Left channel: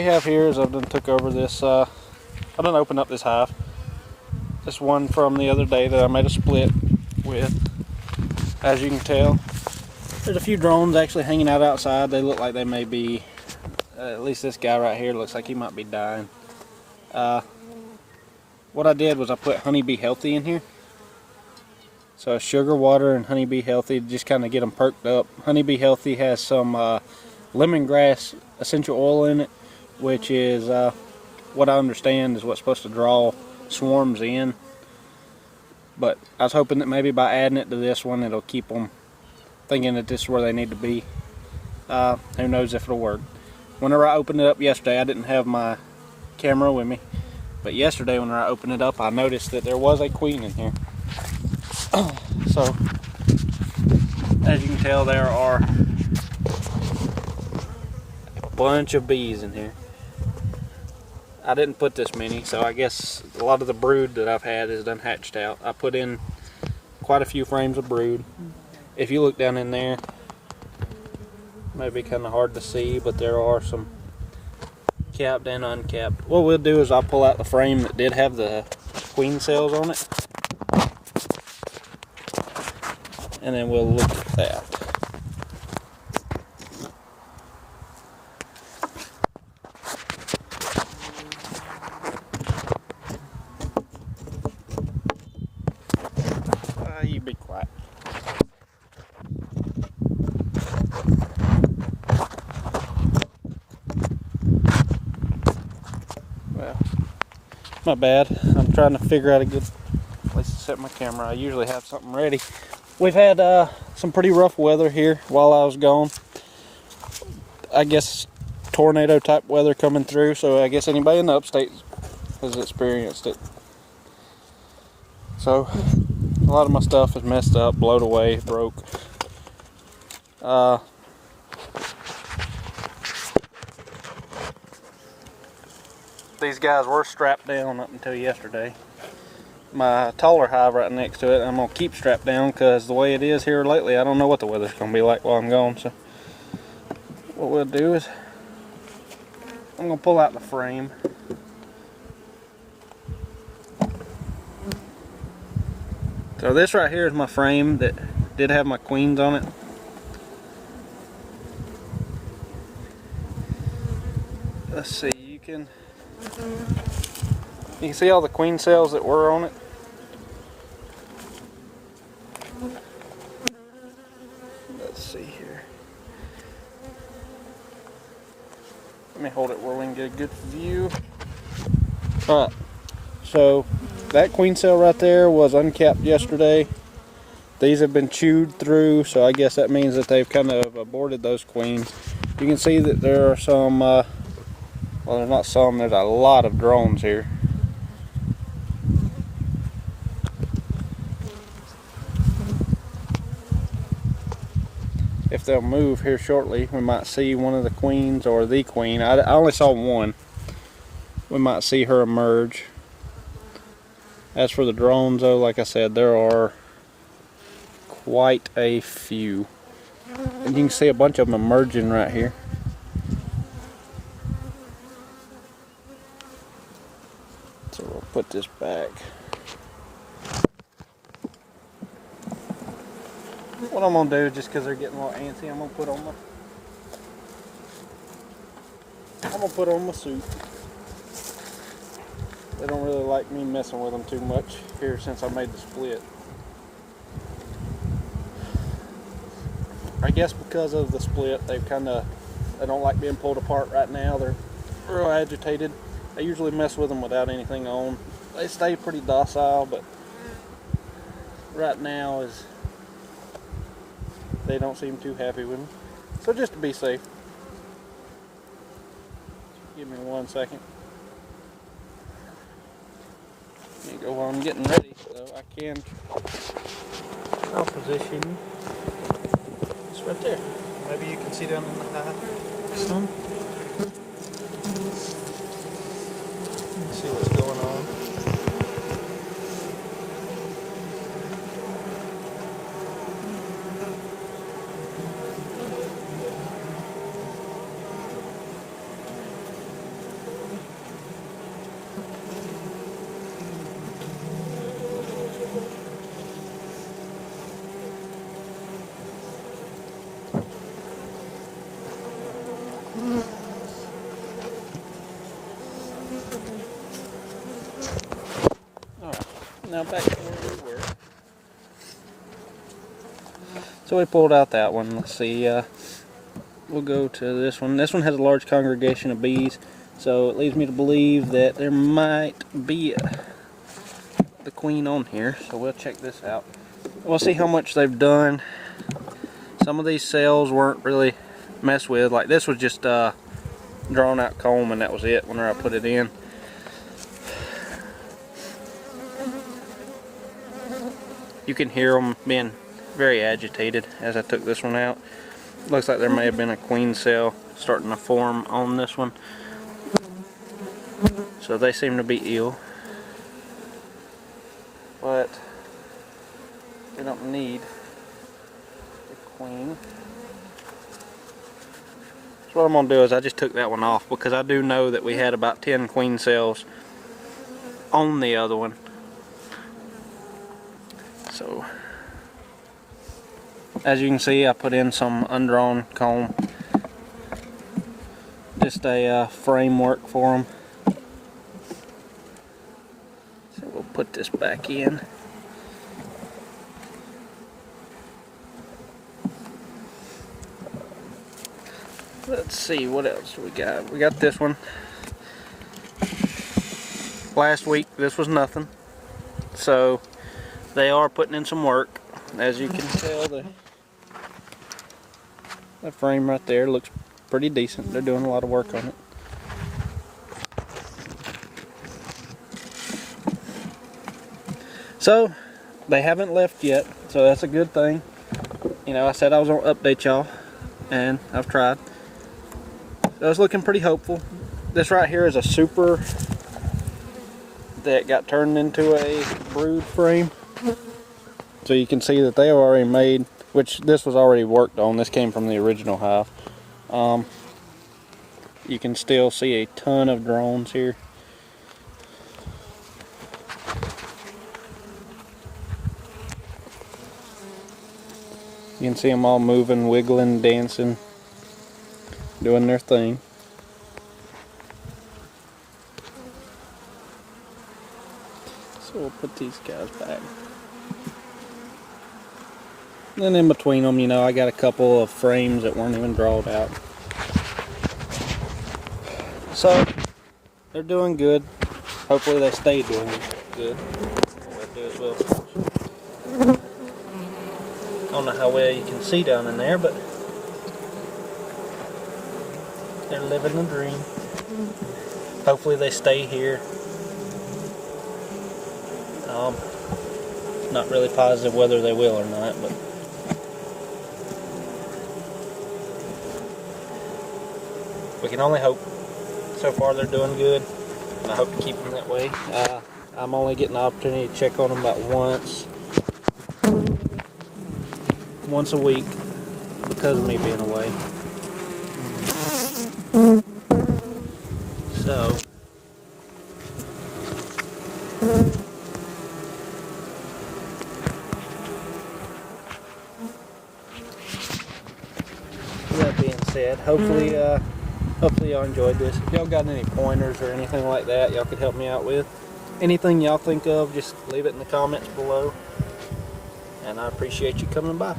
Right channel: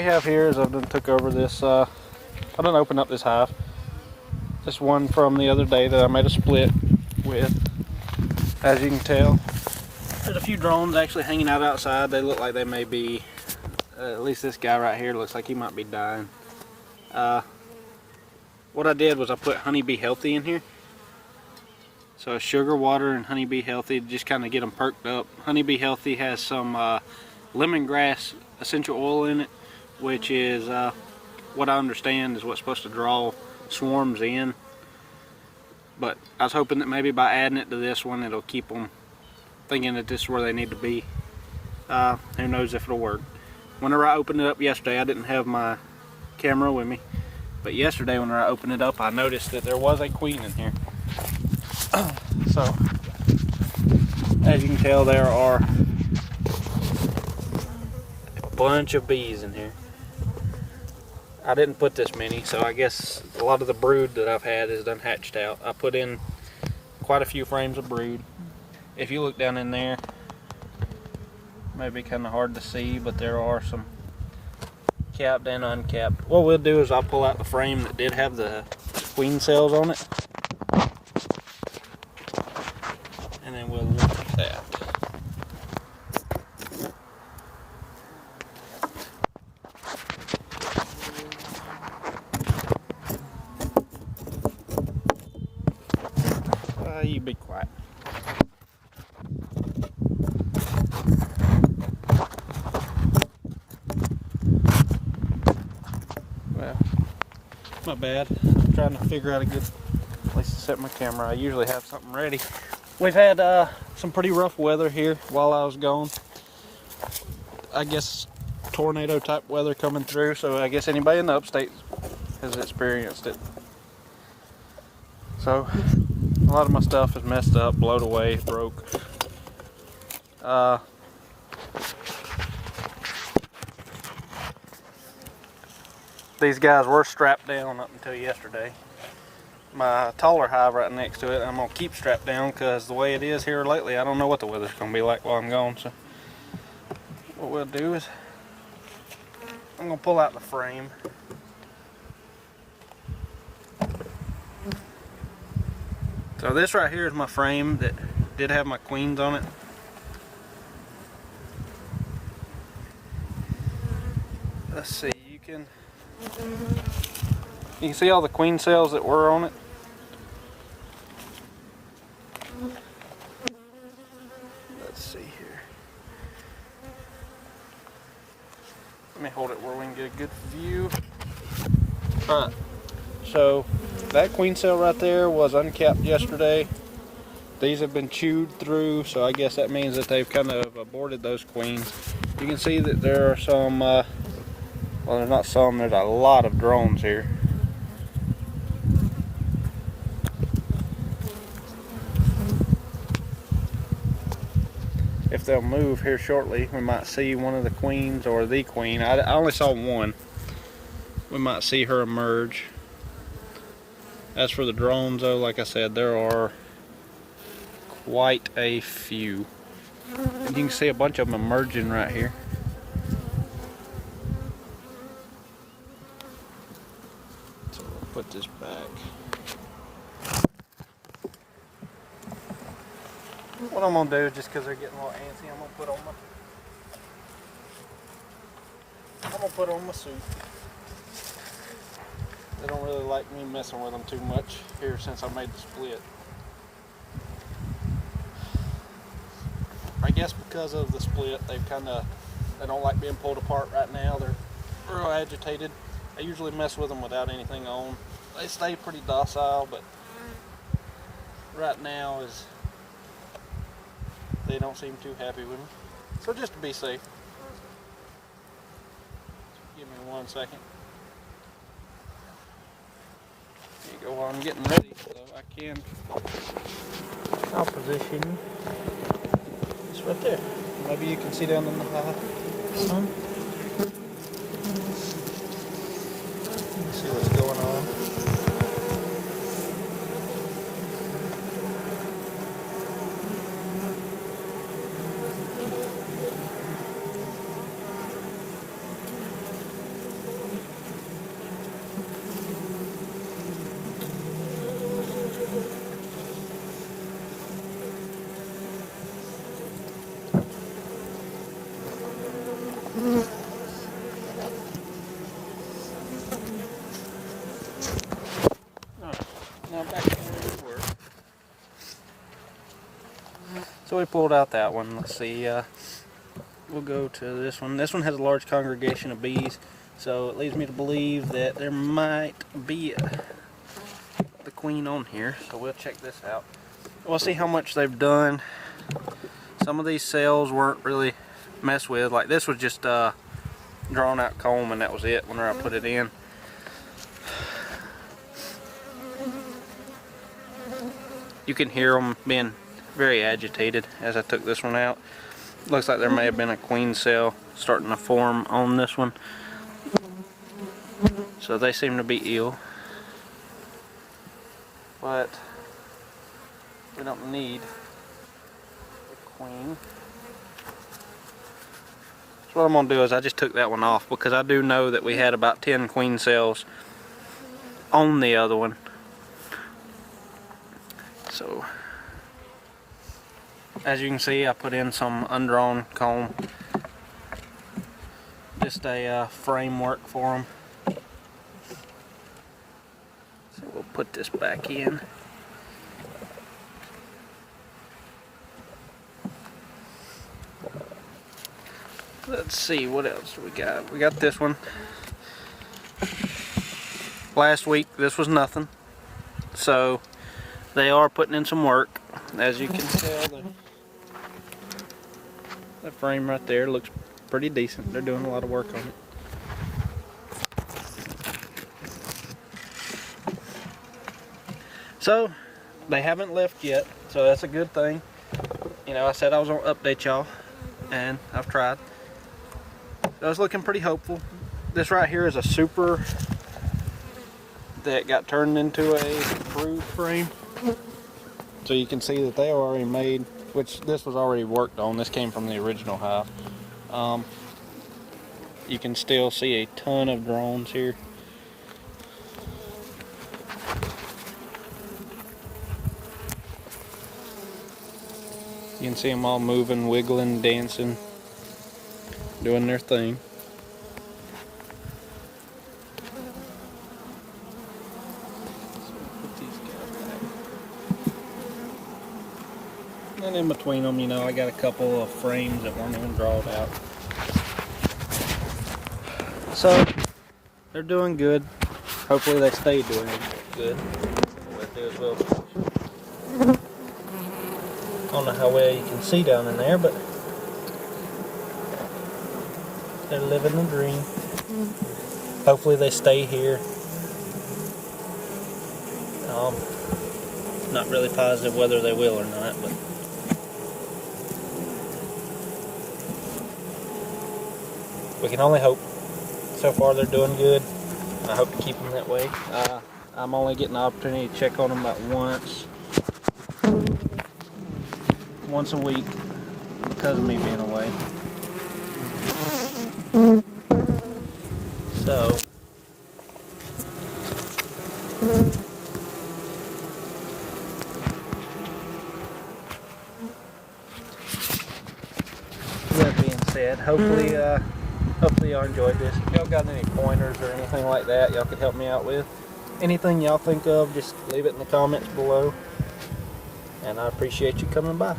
we have here is I've done took over this, I done opened up this hive. This one from the other day that I made a split with. As you can tell, there's a few drones actually hanging out outside. They look like they may be, at least this guy right here looks like he might be dying. What I did was I put Honeybee Healthy in here. So sugar water and Honeybee Healthy, just kind of get them perked up. Honeybee Healthy has some lemongrass essential oil in it, which is what I understand is what's supposed to draw swarms in. But I was hoping that maybe by adding it to this one, it'll keep them thinking that this is where they need to be. Who knows if it'll work. Whenever I opened it up yesterday, I didn't have my camera with me. But yesterday when I opened it up, I noticed that there was a queen in here. So, as you can tell, there are a bunch of bees in here. I didn't put this many, so I guess a lot of the brood that I've had is done hatched out. I put in quite a few frames of brood. If you look down in there, it may be kind of hard to see, but there are some capped and uncapped. What we'll do is I'll pull out the frame that did have the queen cells on it, and then we'll look at that. You be quiet. Well, my bad. I'm trying to figure out a good place to set my camera. I usually have something ready. We've had some pretty rough weather here while I was gone. I guess tornado type weather coming through, so I guess anybody in the upstate has experienced it. So a lot of my stuff is messed up, blowed away, broke. These guys were strapped down up until yesterday. My taller hive right next to it, I'm going to keep strapped down because the way it is here lately, I don't know what the weather's going to be like while I'm gone. So what we'll do is I'm going to pull out the frame. So this right here is my frame that did have my queens on it. Let's see, you can see all the queen cells that were on it. Let's see here. Let me hold it where we can get a good view. Alright, so that queen cell right there was uncapped yesterday. These have been chewed through, so I guess that means that they've kind of aborted those queens. You can see that there are some, well, there's not some, there's a lot of drones here. If they'll move here shortly, we might see one of the queens or the queen. I only saw one. We might see her emerge. As for the drones, though, like I said, there are quite a few. And you can see a bunch of them emerging right here. So we'll put this back. What I'm going to do, just because they're getting a little antsy, I'm going to put on my suit. They don't really like me messing with them too much here since I made the split. I guess because of the split, they don't like being pulled apart right now. They're real agitated. I usually mess with them without anything on. They stay pretty docile, but right now they don't seem too happy with me. So just to be safe, give me 1 second. There you go. While I'm getting ready, so I'll position this right there. Maybe you can see down in the hive. See what's going on. Now back to where we were. So we pulled out that one. Let's see. We'll go to this one. This one has a large congregation of bees, so it leads me to believe that there might be the queen on here. So we'll check this out. We'll see how much they've done. Some of these cells weren't really messed with. Like this was just drawn out comb, and that was it whenever I put it in. You can hear them being very agitated as I took this one out. Looks like there may have been a queen cell starting to form on this one. So they seem to be ill. But we don't need the queen. So what I'm going to do is I just took that one off because I do know that we had about 10 queen cells on the other one. So as you can see, I put in some undrawn comb, just a framework for them. So we'll put this back in. Let's see what else we got. We got this one. Last week this was nothing, so they are putting in some work. As you can tell, the frame right there looks pretty decent. They're doing a lot of work on it. So they haven't left yet, so that's a good thing. You know, I said I was going to update y'all, and I've tried. So it's looking pretty hopeful. This right here is a super that got turned into a brood frame. So you can see that they are already made, which this was already worked on. This came from the original hive. You can still see a ton of drones here. You can see them all moving, wiggling, dancing, doing their thing. So we'll put these guys back. And in between them, you know, I got a couple of frames that weren't even drawn out. So they're doing good. Hopefully they stay doing good. What we'll do is I don't know how well you can see down in there, but they're living the dream. Hopefully they stay here. Not really positive whether they will or not, but we can only hope. So far they're doing good, and I hope to keep them that way. I'm only getting the opportunity to check on them about once a week because of me being away. So with that being said, hopefully y'all enjoyed this. If y'all got any pointers or anything like that y'all could help me out with, anything y'all think of, just leave it in the comments below, and I appreciate you coming by.